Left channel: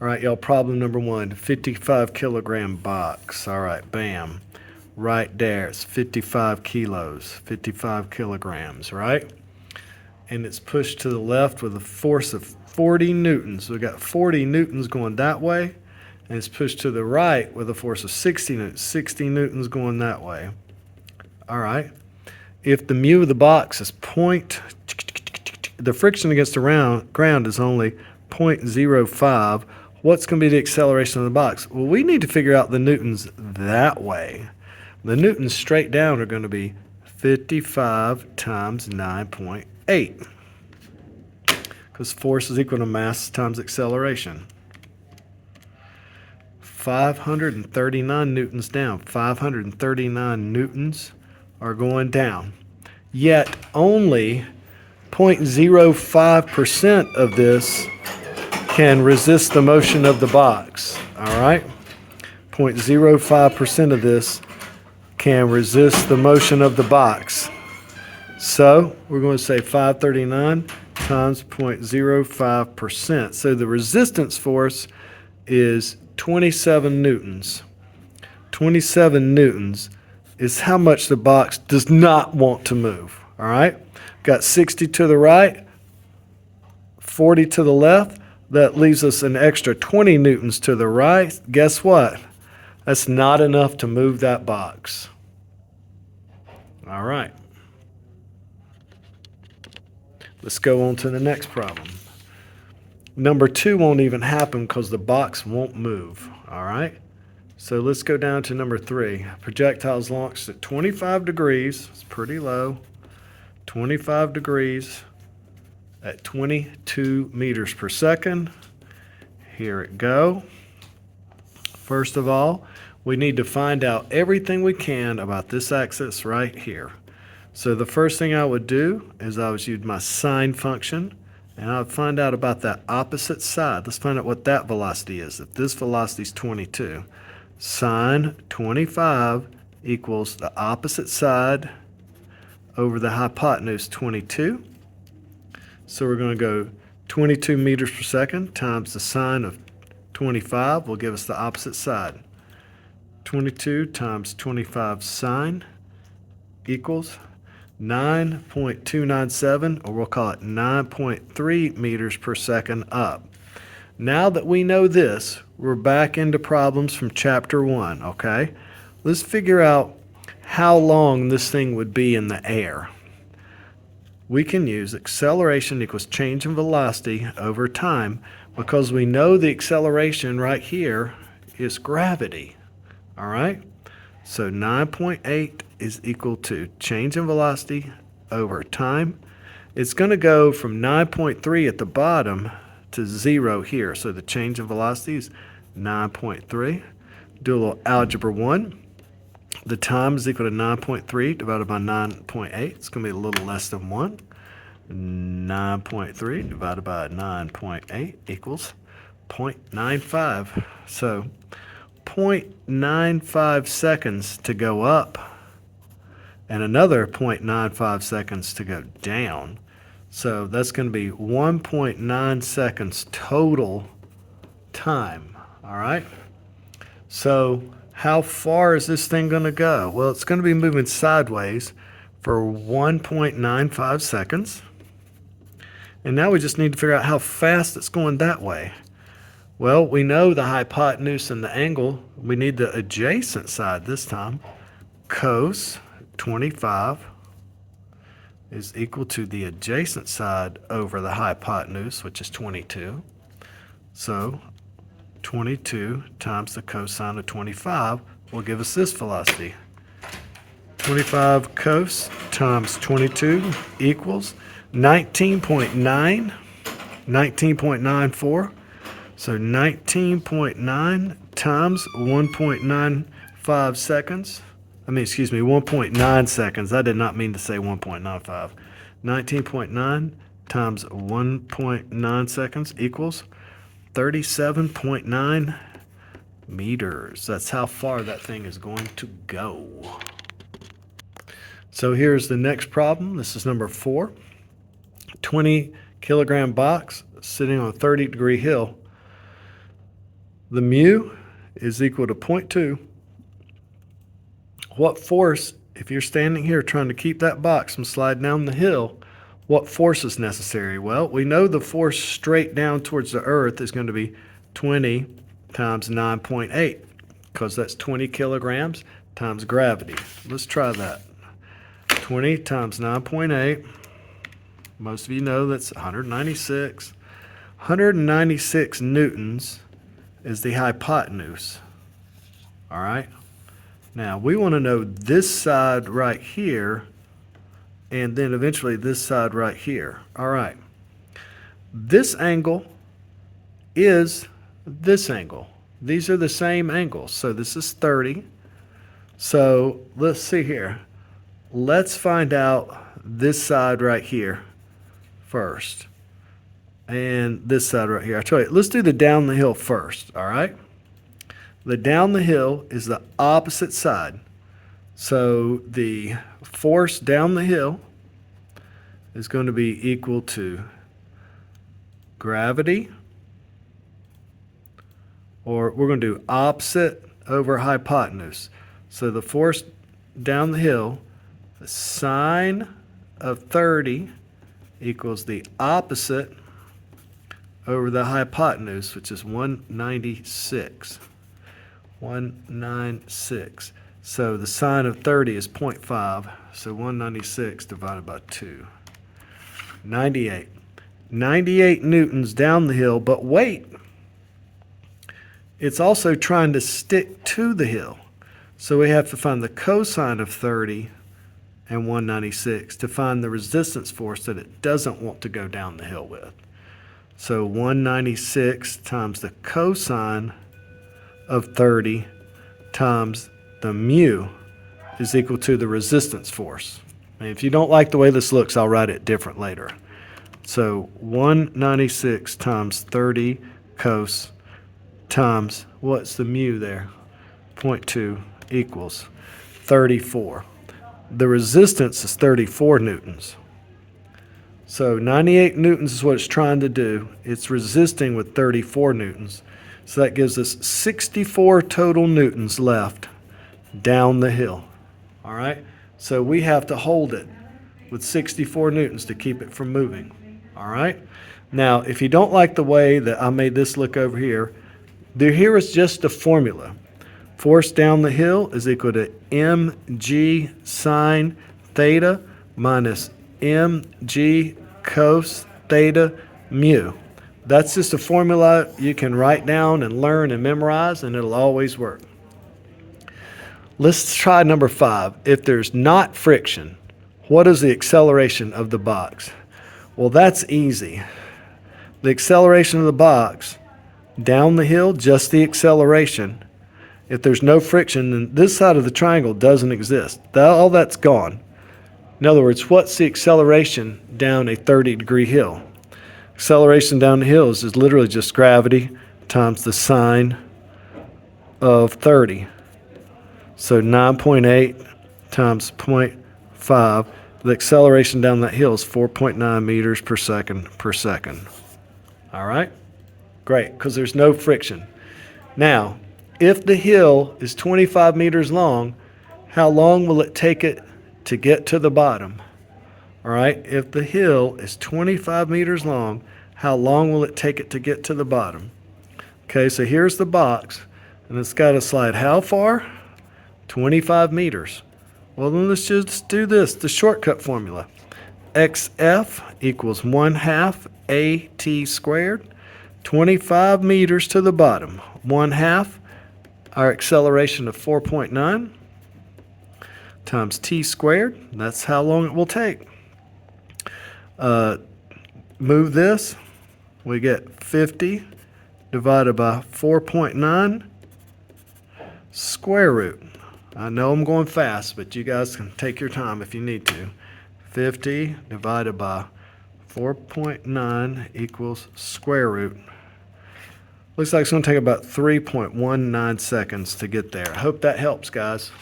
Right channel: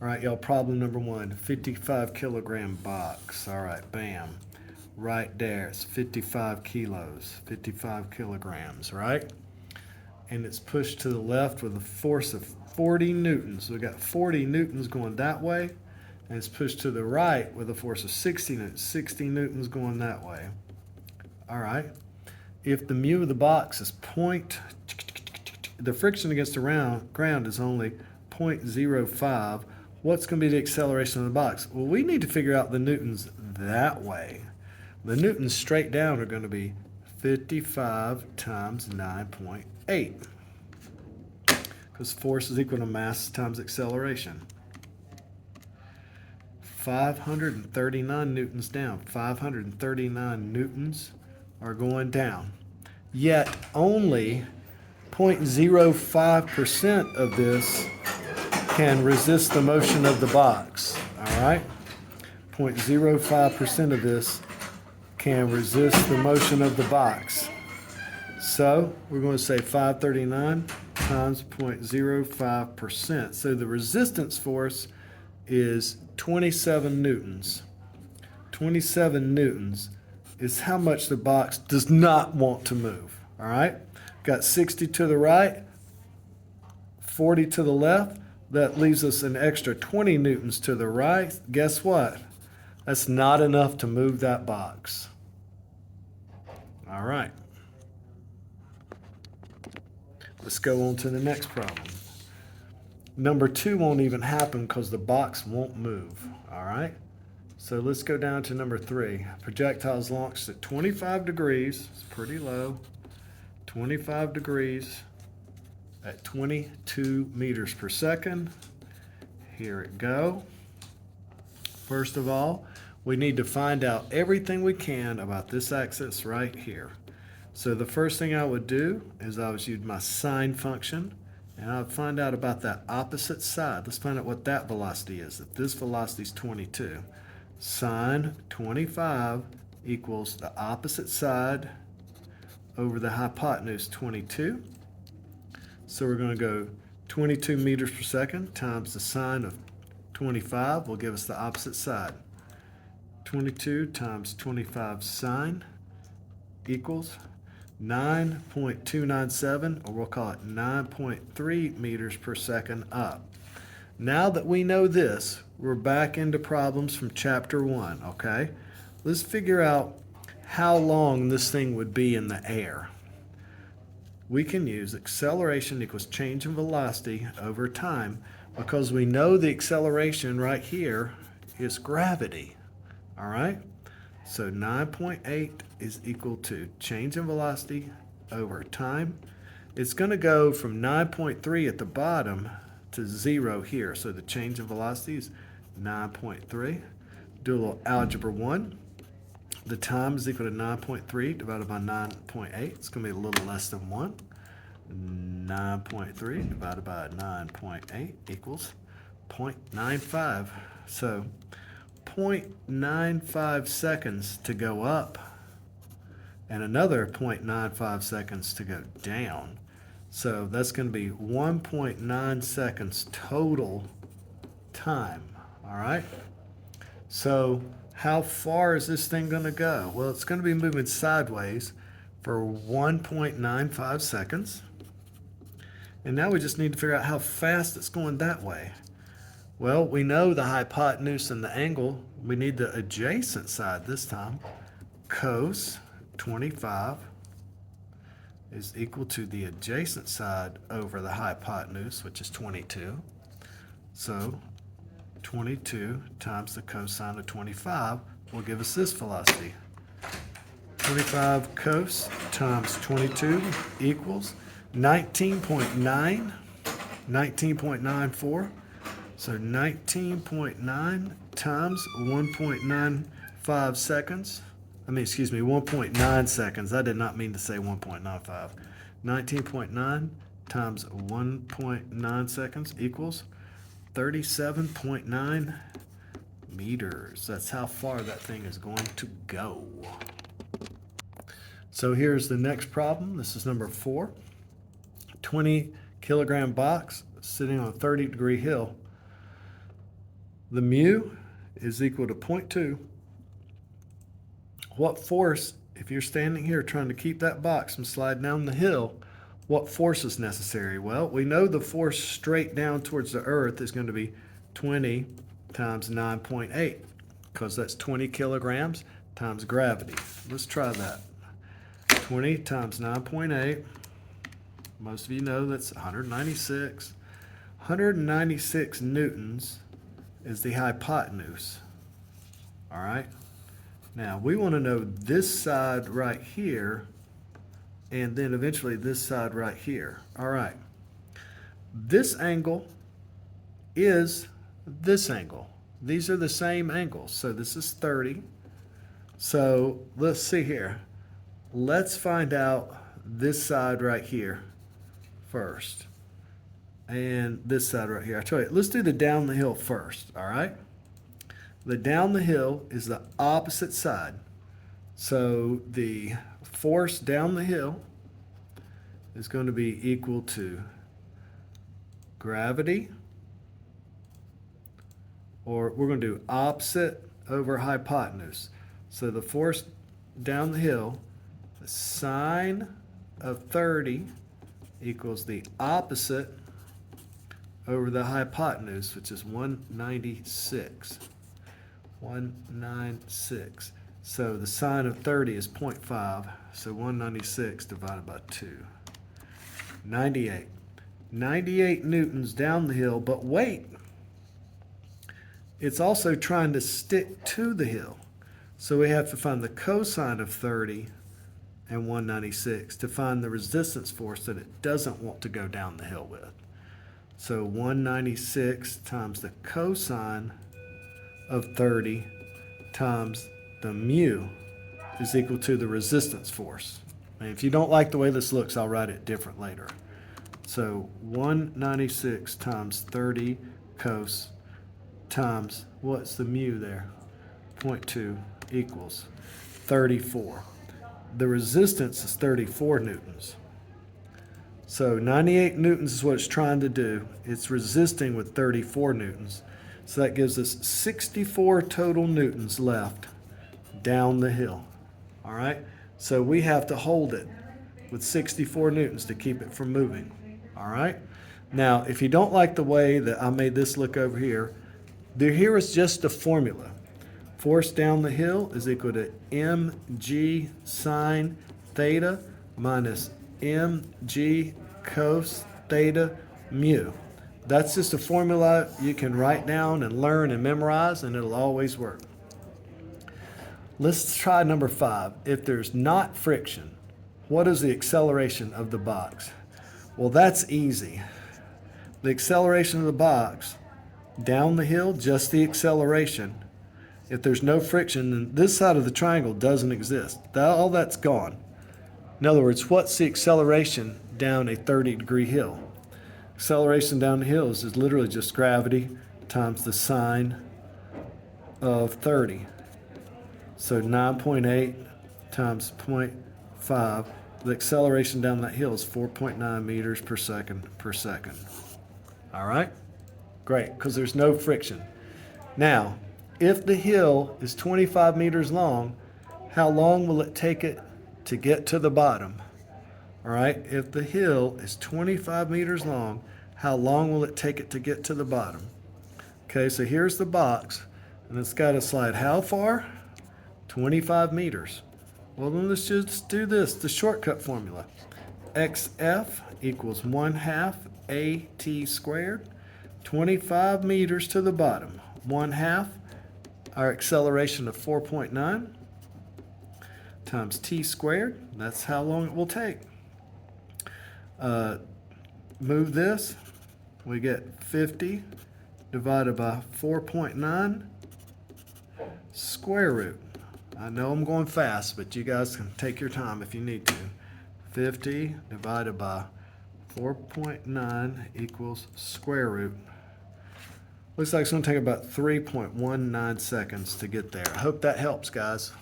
All right, y'all, problem number one, 55 kilogram box. All right, bam. Right there, it's 55 kilos, 55 kilograms, right? And it's pushed to the left with a force of 40 newtons. So we got 40 newtons going that way, and it's pushed to the right with a force of 60 newtons, 60 newtons going that way. All right. If the mu of the box is the friction against the ground is only 0.05, what's going to be the acceleration of the box? Well, we need to figure out the newtons that way. The newtons straight down are going to be 55 times 9.8, because force is equal to mass times acceleration. 539 newtons down. 539 newtons are going down. Yet only 0.05% of this can resist the motion of the box. All right? 0.05% of this can resist the motion of the box. So we're going to say 539 times 0.05%. So the resistance force is 27 newtons. 27 newtons is how much the box does not want to move. All right? Got 60 to the right, 40 to the left. That leaves us an extra 20 newtons to the right. Guess what? That's not enough to move that box. All right. Let's go on to the next problem. Number 2 won't even happen because the box won't move. All right? So let's go down to number 3. Projectiles launched at 25 degrees. It's pretty low. 25 degrees at 22 meters per second. Here it go. First of all, we need to find out everything we can about this axis right here. So the first thing I would do is I would use my sine function, and I would find out about that opposite side. Let's find out what that velocity is. If this velocity is 22, sine 25 equals the opposite side over the hypotenuse 22. So we're going to go 22 meters per second times the sine of 25 will give us the opposite side. 22 times 25 sine equals 9.297, or we'll call it 9.3 meters per second up. Now that we know this, we're back into problems from chapter 1, okay? Let's figure out how long this thing would be in the air. We can use acceleration equals change in velocity over time, because we know the acceleration right here is gravity, all right? So 9.8 is equal to change in velocity over time. It's going to go from 9.3 at the bottom to 0 here. So the change in velocity is 9.3. Do a little algebra 1. The time is equal to 9.3 divided by 9.8. It's going to be a little less than 1. 9.3 divided by 9.8 equals 0.95. So 0.95 seconds to go up and another 0.95 seconds to go down. So that's going to be 1.9 seconds total time. All right. So how far is this thing going to go? Well, it's going to be moving sideways for 1.95 seconds. And now we just need to figure out how fast it's going that way. Well, we know the hypotenuse and the angle. We need the adjacent side this time. Cos 25 is equal to the adjacent side over the hypotenuse, which is 22. So 22 times the cosine of 25 will give us this velocity. 25 cos times 22 equals 19.94. So 19.9 times 1.95 seconds. 1.9 seconds. I did not mean to say 1.95. 19.9 times 1.9 seconds equals 37.9 meters. That's how far that thing is going to go. So here's the next problem. This is number 4. 20 kilogram box sitting on a 30-degree hill. The mu is equal to 0.2. What force, if you're standing here trying to keep that box from sliding down the hill, what force is necessary? Well, we know the force straight down towards the earth is going to be 20 times 9.8, because that's 20 kilograms times gravity. Let's try that. 20 times 9.8, most of you know that's 196. 196 newtons is the hypotenuse. All right? Now, we want to know this side right here, and then eventually this side right here. All right. This angle is this angle. These are the same angles. So this is 30. So let's see here. Let's find out this side right here first. And this side right here. I tell you, let's do the down the hill first, all right? The down the hill is the opposite side. So the force down the hill is going to be equal to gravity, or we're going to do opposite over hypotenuse. So the force down the hill, the sine of 30 equals the opposite over the hypotenuse, which is 196. 196. So the sine of 30 is 0.5. So 196 divided by 2. 98. 98 newtons down the hill, but wait. It's also trying to stick to the hill. So we have to find the cosine of 30 and 196 to find the resistance force that it doesn't want to go down the hill with. So 196 times the cosine of 30 times the mu is equal to the resistance force. And if you don't like the way this looks, I'll write it different later. So 196 times 30 cos times, what's the mu there? 0.2 equals 34. The resistance is 34 newtons. So 98 newtons is what it's trying to do. It's resisting with 34 newtons. So that gives us 64 total newtons left down the hill. All right? So we have to hold it with 64 newtons to keep it from moving. All right? Now, if you don't like the way that I made this look over here, here is just the formula. Force down the hill is equal to mg sine theta minus mg cos theta mu. That's just a formula you can write down and learn and memorize, and it'll always work. Let's try number 5. If there's not friction, what is the acceleration of the box? Well, that's easy. The acceleration of the box down the hill, just the acceleration. If there's no friction, then this side of the triangle doesn't exist. All that's gone. In other words, what's the acceleration down a 30-degree hill? Acceleration down the hill is literally just gravity times the sine of 30. So 9.8 times 0.5. The acceleration down that hill is 4.9 meters per second per second. All right? Great, because there's no friction. Now, if the hill is 25 meters long, how long will it take it to get to the bottom? All right, if the hill is 25 meters long, how long will it take it to get to the bottom? Okay, so here's the box, and it's got to slide how far? 25 meters. Well, then let's just do this, the shortcut formula. XF equals 1/2 AT squared. 25 meters to the bottom. 1/2, our acceleration of 4.9 times t squared. That's how long it will take. Move this, we get 50 divided by 4.9 square root. I know I'm going fast, but you guys can take your time if you need to. 50 divided by 4.9 equals square root. Looks like it's going to take about 3.19 seconds to get there. I hope that helps, guys.